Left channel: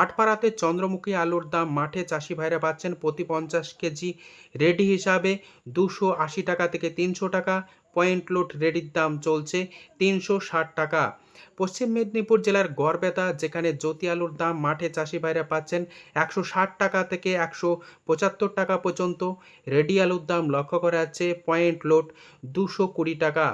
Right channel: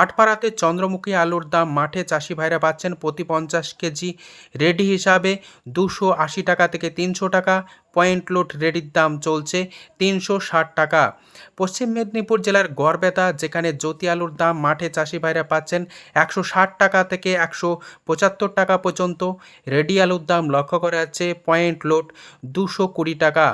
আটপাড়াতে চন্দ্রমুখী আলুর দাম মাঠে চাষি ভাইরা পাচ্ছেন প্রতি 50 কেজি রেডি হিসাবে 280 টাকা থেকে 300 টাকা। পয়েন্ট লোড রেডির দাম চলছে 360 টাকা। পশ্চিম মেদিনীপুর জেলার গড়বেতা যেখানে জ্যোতি আলুর দাম মাঠে চাষি ভাইরা পাচ্ছেন 160 টাকা থেকে 175 টাকা পর্যন্ত। রেডি আলুর দাম লক্ষ্য করা যাচ্ছে পয়েন্ট লোড 220 টাকা।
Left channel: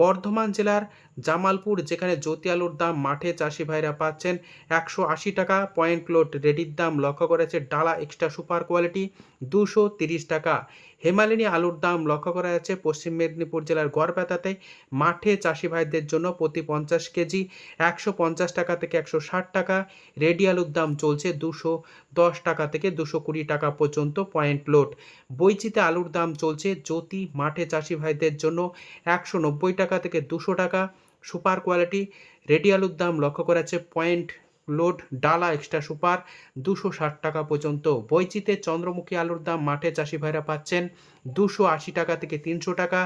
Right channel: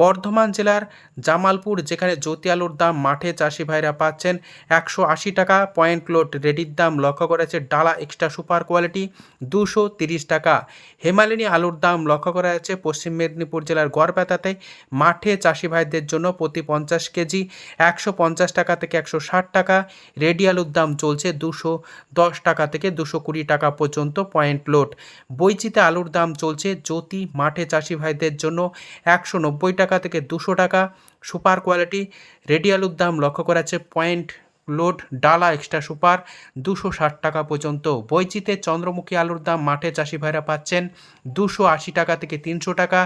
বর্ধমান জেলার জামালপুর যেখানে জ্যোতি আলুর দাম মাঠে চাষি ভাইরা পাচ্ছেন 180 টাকা। পয়েন্ট লোড রেডির দাম লক্ষ্য করেছে ডালা এক্সট্রা সুপার কোয়ালিটি 230 টাকা। হেমালিনী আলুর দাম লক্ষ্য করা যাচ্ছে পশ্চিম মেদিনীপুর জেলার গড়বেতাতে মাঠে চাষি ভাইদের জন্য প্রতি 50 কেজি 150 টাকা থেকে 160 টাকা। রেডি আলুর দাম চলছে 210 টাকা থেকে 220 টাকা পর্যন্ত পয়েন্ট লোড। বৈচিতে আলুর দাম চলছে জ্যোতি মাঠে চাষি ভাইদের জন্য 190 টাকা থেকে 200 টাকা। সুপার কোয়ালিটি রেডি আলুর দাম লক্ষ্য করা যাচ্ছে পয়েন্ট লোড ডালা এক্সট্রা সুপার 260 টাকা পর্যন্ত। বৈচিতে চন্দ্রমুখী আলুর দাম মাঠে চাষি ভাইরা পাচ্ছেন 280 টাকা থেকে 300 টাকা।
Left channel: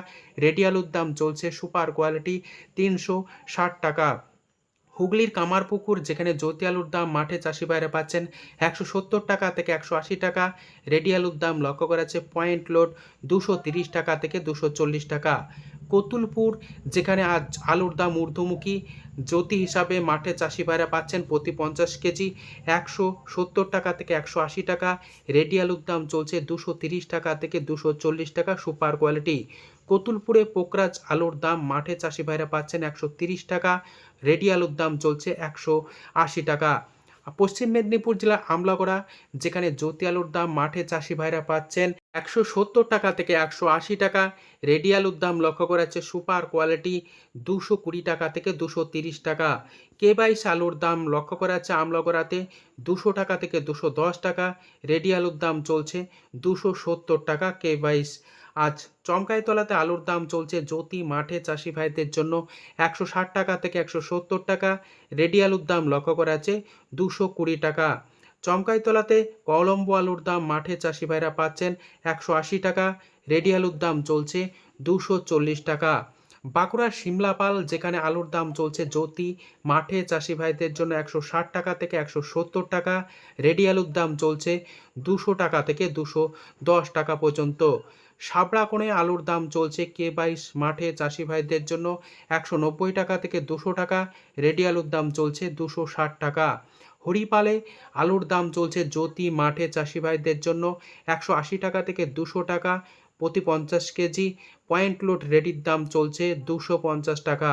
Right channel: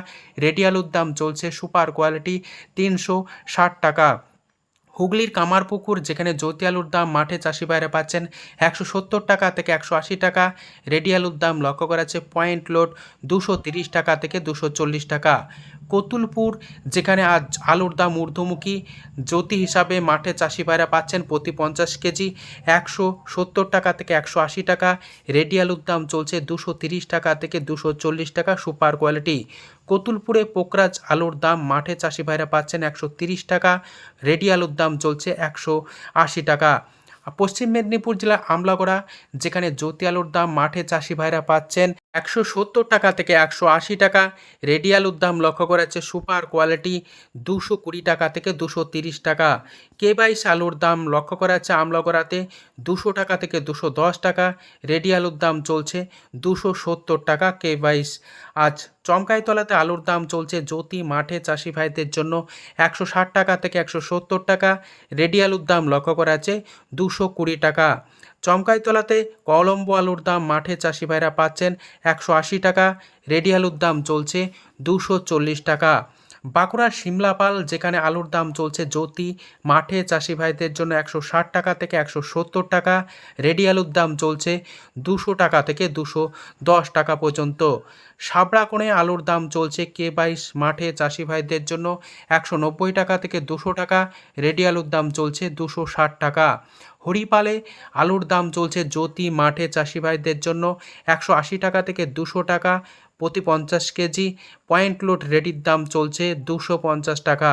রেডি আলুর দাম চলছে সুপার কোয়ালিটি 360 টাকা। হুগলির কামারপুকুর যেখানে জ্যোতি আলুর দাম মাঠে চাষি ভাইরা পাচ্ছেন 170 টাকা থেকে 180 টাকা। রেডি আলুর দাম লক্ষ্য করা যাচ্ছে পয়েন্ট লোড 230 টাকা থেকে 240 টাকা। কতুলপুর যেখানে আজ আলুর দাম ঊর্ধ্বমুখী জ্যোতি হিসাবে মাঠে চাষি ভাইরা পাচ্ছেন প্রতি 50 কেজি 170 টাকা থেকে 180 টাকা। রেডি আলুর দাম চলছে 230 টাকা থেকে 240 টাকা সুপার কোয়ালিটি। কতুলপুরে পোকরাজ আলুর দাম মাঠে চাষি ভাইরা পাচ্ছেন 130 টাকা। রেডি আলুর দাম চলছে 180 টাকা। পশ্চিম মেদিনীপুর জেলার আমলাগড়া যেখানে জ্যোতি আলুর দাম মাঠে চাষি ভাইরা পাচ্ছেন 170 টাকা থেকে 180 টাকা। রেডি আলুর দাম লক্ষ্য করা যাচ্ছে সুপার কোয়ালিটি 220 টাকা থেকে 230 টাকা। K22 আলুর দাম লক্ষ্য করা যাচ্ছে আমলাগড়াতে 200 টাকা থেকে 210 টাকা। রেডি আলুর দাম চলছে 270 টাকা K22। আজ চমকাইতলাতে আলুর দাম চলছে জ্যোতি মাঠে চাষি ভাইদের জন্য 160 টাকা থেকে 170 টাকা। রেডি আলুর দাম লক্ষ্য করা যাচ্ছে 220 টাকা। চমকাইতলাতে কলম্বো আলুর দাম মাঠে চাষি ভাইরা পাচ্ছেন 180 টাকা। রেডি আলুর দাম চলছে 240 টাকা। বাঁকুড়ার সিমলাপাল যেখানে আলুর দাম চলছে জ্যোতি মাঠে চাষি ভাইদের জন্য 160 টাকা থেকে 170 টাকা। রেডি আলুর দাম চলছে 200 টাকা থেকে 210 টাকা পর্যন্ত। সাবড়াকোণে আলুর দাম চলছে K22 মাঠে চাষি ভাইদের জন্য 190 টাকা থেকে 200 টাকা। রেডি আলুর দাম চলছে 260 টাকা। হরিপালে আলুর দাম চলছে জ্যোতি মাঠে চাষি ভাইদের জন্য 180 টাকা থেকে 200 টাকা প্রতি 50 কেজি। পয়েন্ট লোড রেডির দাম চলছে 250 টাকা।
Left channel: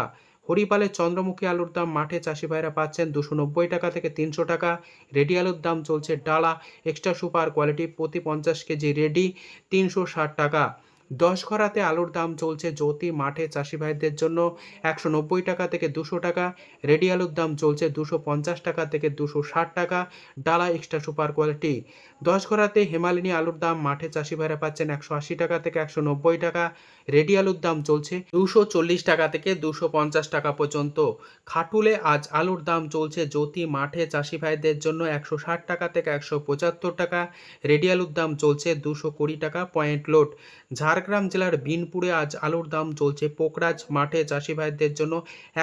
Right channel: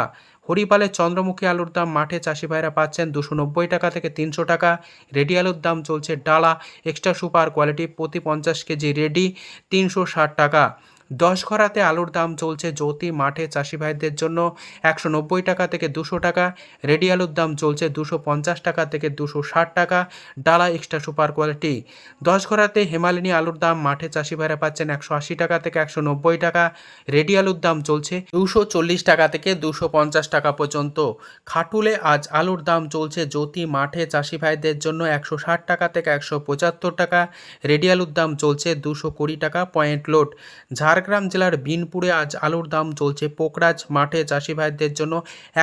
হরিপালে চন্দ্রমুখী আলুর দাম মাঠে চাষি ভাইরা পাচ্ছেন 290 টাকা থেকে 300 টাকা। রেডি আলুর দাম চলছে ডালা এক্সট্রা সুপার কোয়ালিটি প্রতি 50 কেজি রেডি 360 টাকা। দশঘরাতে আলুর দাম চলছে জ্যোতি মাঠে চাষি ভাইদের জন্য 190 টাকা থেকে 200 টাকা। রেডি আলুর দাম চলছে 250 টাকা থেকে 260 টাকা ডালা এক্সট্রা সুপার কোয়ালিটি। দশঘরাতে হেমালিনী আলুর দাম মাঠে চাষি ভাইরা পাচ্ছেন 180 টাকা থেকে 190 টাকা। রেডি আলুর দাম চলছে 240 টাকা থেকে 250 টাকা পর্যন্ত। খাটুলে আজ আলুর দাম চলছে জ্যোতি মাঠে চাষি ভাইদের জন্য 160 টাকা থেকে 175 টাকা। রেডি আলুর দাম চলছে 220 টাকা পয়েন্ট লোড। ঝাড়গ্রাম জেলার বিনপুরে আজ আলুর দাম চলছে পোকরাজ মাঠে চাষি ভাইদের জন্য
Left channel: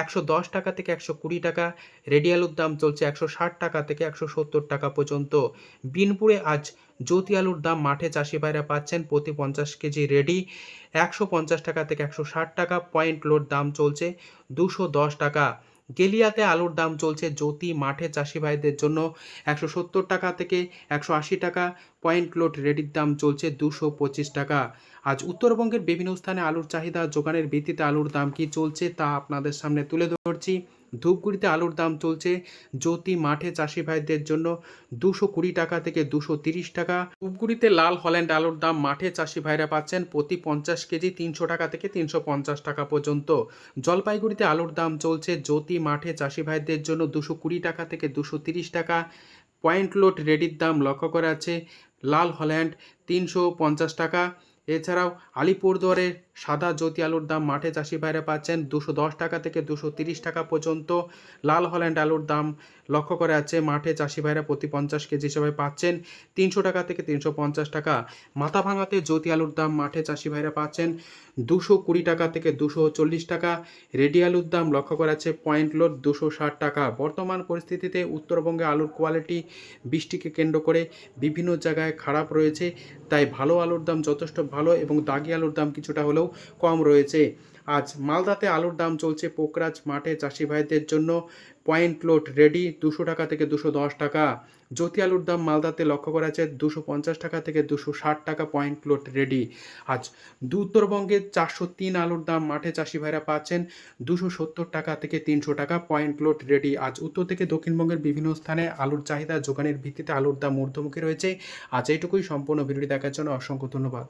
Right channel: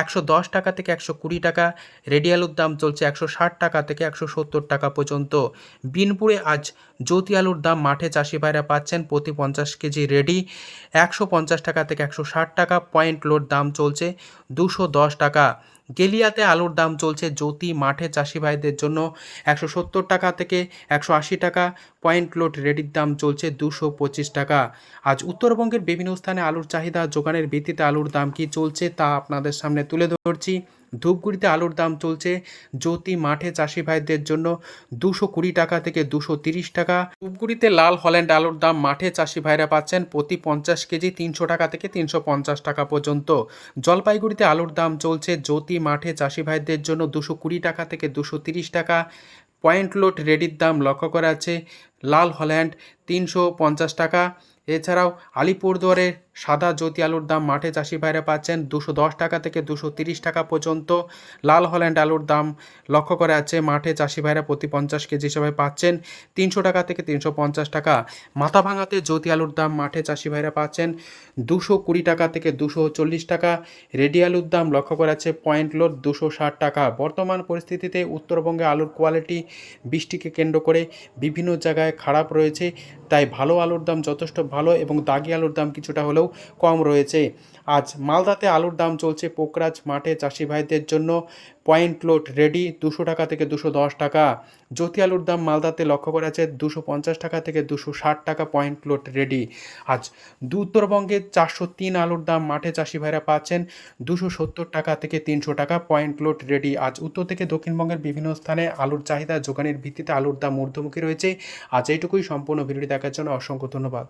110 টাকা থেকে 120 টাকা। রেডি আলুর দাম চলছে 160 টাকা থেকে 170 টাকা পর্যন্ত। বিনপুরে আজ জ্যোতি আলুর দাম মাঠে চাষি ভাইরা পাচ্ছেন প্রতি 50 কেজি রেডি 150 টাকা থেকে 160 টাকা। পয়েন্ট লোড দাম চলছে 210 টাকা। গেলিয়াতে আলুর দাম চলছে জ্যোতি মাঠে চাষি ভাইদের জন্য 170 টাকা থেকে 180 টাকা। পয়েন্ট লোড রেডির দাম চলছে 225 টাকা। আজ উত্তরবঙ্গের বিভিন্ন স্থানে আলুর চাহিদা যোগানের ভিত্তিতে আলুর দাম কি চলছে তা আপনাদের সামনে তুলে ধরছি। ধূপগুড়িতে আলুর দাম চলছে জ্যোতি মাঠে চাষি ভাইদের জন্য 220 টাকা থেকে 230 টাকা। ধূপগুড়িতে লাল হল্যান্ড আলুর দাম মাঠে চাষি ভাইরা পাচ্ছেন প্রতি 50 কেজি 300 টাকা থেকে 350 টাকা পর্যন্ত। জলপাইগুড়িতে আলুর দাম চলছে জ্যোতি মাঠে চাষি ভাইদের জন্য 220 টাকা থেকে 230 টাকা। পয়েন্ট লোড রেডির দাম লক্ষ্য করা আছে লাল হল্যান্ড 350 টাকা। এছাড়াও আলিপুরদুয়ারের সাদা জ্যোতি আলুর দাম মাঠে চাষি ভাইরা পাচ্ছেন 210 টাকা থেকে 230 টাকা পর্যন্ত। লাল হল্যান্ড আলুর দাম লক্ষ্য করা যাচ্ছে মাঠে চাষি ভাইরা প্রতি 50 কেজি হিসাবে পাচ্ছেন 300 টাকা থেকে 350 টাকা। মাথাভাঙাতে জ্যোতি আলুর দাম মাঠে চাষি ভাইরা পাচ্ছেন 220 টাকা থেকে 240 টাকা। রেডি আলুর দাম লক্ষ্য করা যাচ্ছে পয়েন্ট লোড 260 টাকা। বর্তমান পরিস্থিতিতে উত্তরবঙ্গে আলুর কোয়ালিটি বৃষ্টিকে কেন্দ্র করে বিভিন্ন জায়গায় খারাপ রয়েছে, তাই ভালো আলুর দাম যথেষ্ট ভালো এবং দাগি আলুর দাম কিছুটা হলেও কম রয়েছে। আজ মালদাতে আলুর দাম চলছে পোকরাজ মাঠে চাষি ভাইদের জন্য পয়েন্ট লোড রেডি 200 টাকা থেকে 210 টাকা। জ্যোতি আলুর দাম মালদাতে লক্ষ্য করা যাচ্ছে 250 টাকা থেকে 260 টাকা পয়েন্ট লোড রেডি। আজ উত্তরবঙ্গে 403 আলুর দাম মাঠে চাষি ভাইরা পাচ্ছেন 270 টাকা থেকে 300 টাকা পয়েন্ট লোড রেডি। আজ উত্তর থেকে দক্ষিণবঙ্গের বিভিন্ন স্থানে আলুর চাহিদা যোগানের ভিত্তিতে আলুর দাম ঊর্ধ্বমুখী রয়েছে। আজ এইটুকুই। সম্পূর্ণ ভিডিওটি দেখার জন্য অসংখ্য ধন্যবাদ।